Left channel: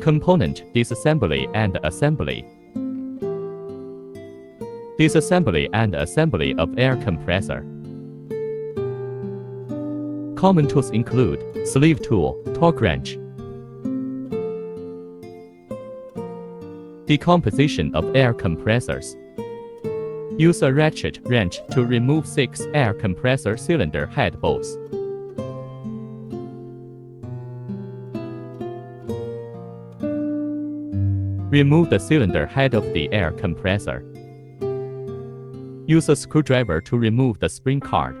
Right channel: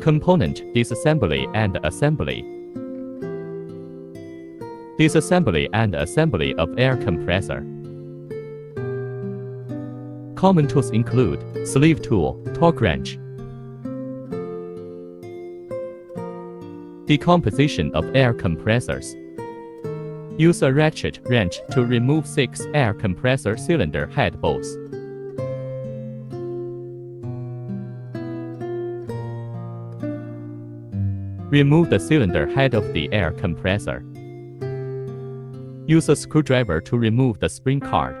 Component disassembly and assembly. Disassembly and assembly of air compressor. Common tools include sleeve tool, torque wrench. Decomposition of air compressors. Use a ratchet wrench to remove 6 air compressor cylinder head bolts. Remove the cylinder head of the air compressor. Use a screwdriver to remove the spring card.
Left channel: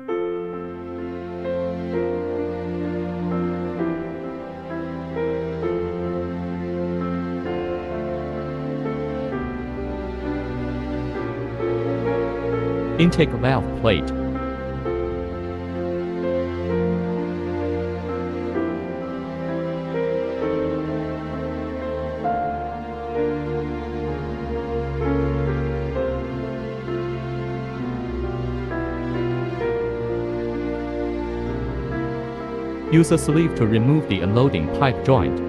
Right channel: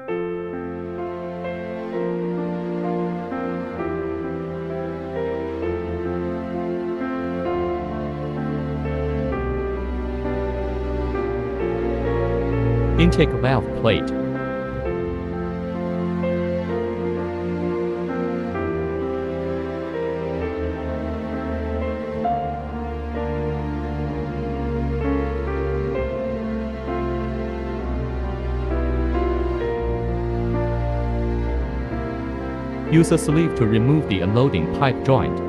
Intake valve plate. Use a sleeve to remove the unloading pipe joint.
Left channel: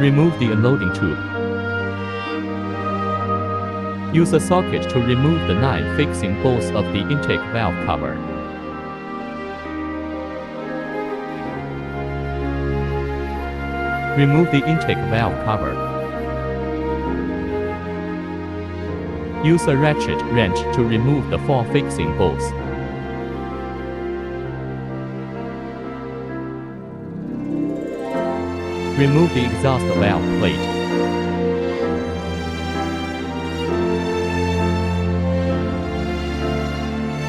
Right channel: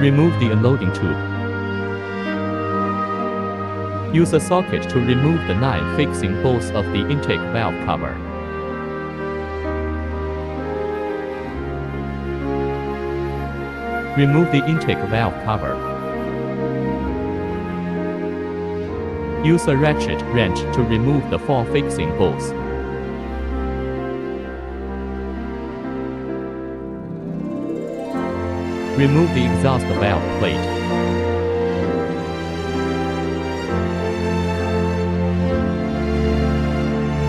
Remove the unloading tube. Use a socket to remove the 9 fixing bolts of the intake valve cover. Remove the intake valve cover. Use a ratchet wrench to remove the 4 fixing bolts. Remove the exhaust valve plate.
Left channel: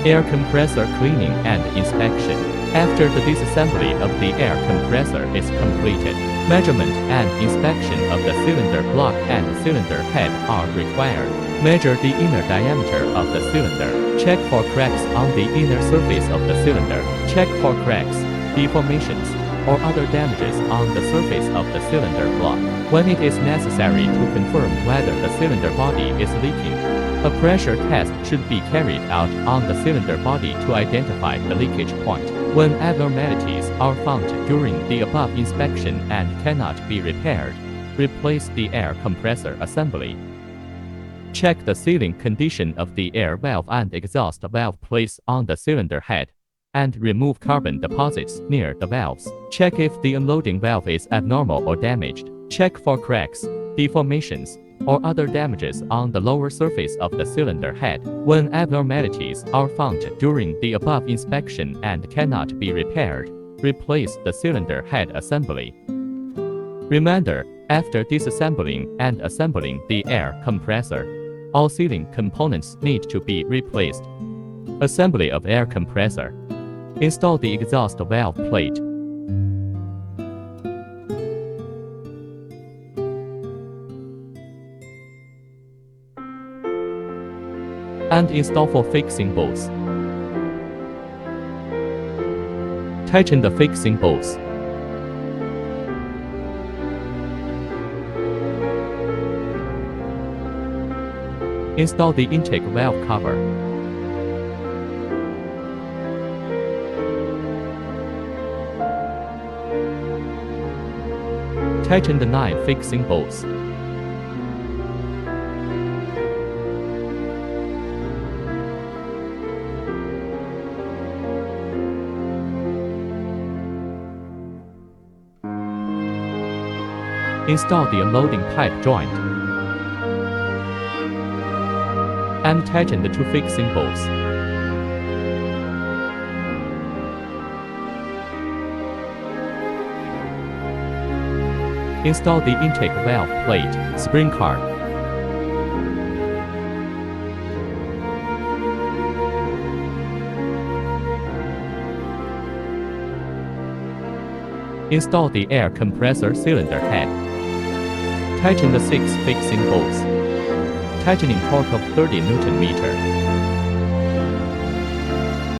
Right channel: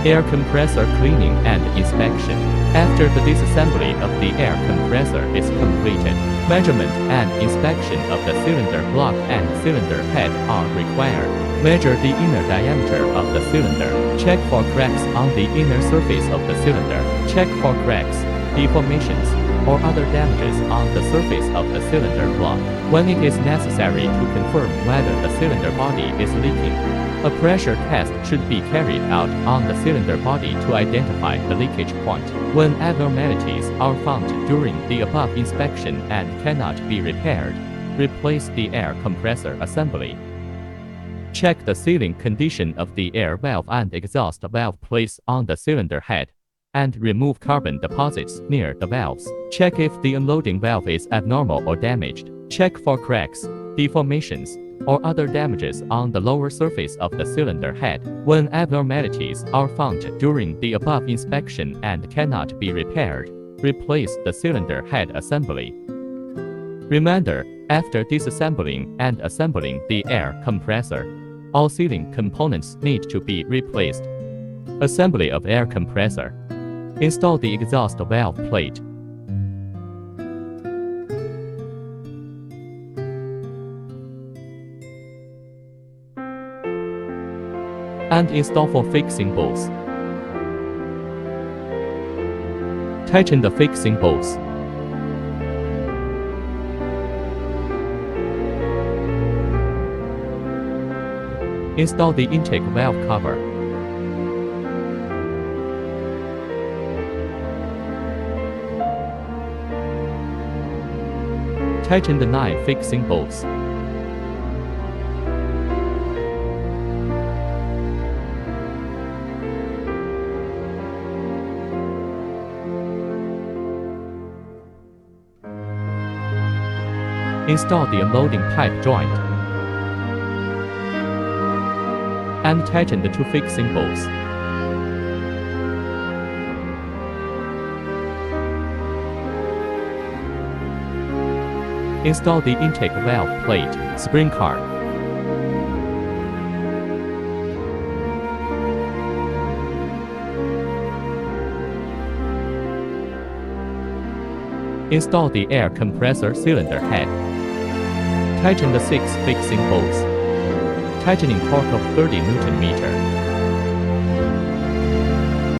Air compressor cleaning and inspection. After the disassembly of the air compressor is completed, measurement and inspection of the cylinder block and cylinder head are required. Measure the inner diameter of the cylinder. Check for cracks on the inner surface of the cylinder. Check for cracks, deformations, or other damages on the surface of the cylinder block. When it is necessary to confirm whether the cylinder body is leaking, a pressure test should be carried out on the cylinder body to identify the leakage point. When abnormalities are found during the above inspection and cannot be repaired, replace the air compressor assembly. Check the sealing condition of the air valve and exhaust valve plates on the cylinder head, and remove carbon deposits near the valves. Check if the unloading valve is abnormal or damaged. Check for cracks, deformations, or other damages on the lower surface of the cylinder head. When abnormalities are found during the above inspection and cannot be repaired, replace the cylinder head assembly. Reminder: after disassembling and assembling the air compressor, all sealing components need to be replaced. Assembly of air compressor. Install the exhaust valve plate. And install 4 fixing bolts. Tighten the fixing bolts. Install the intake valve cover. Tighten the 9 fixing bolts. Install the unloading pipe joint. And tighten the 2 fixing bolts. Install the intake valve plate, spring card. Install the air compressor cylinder head. Tighten the 6 fixing bolts. Tightening torque of 30 Nm.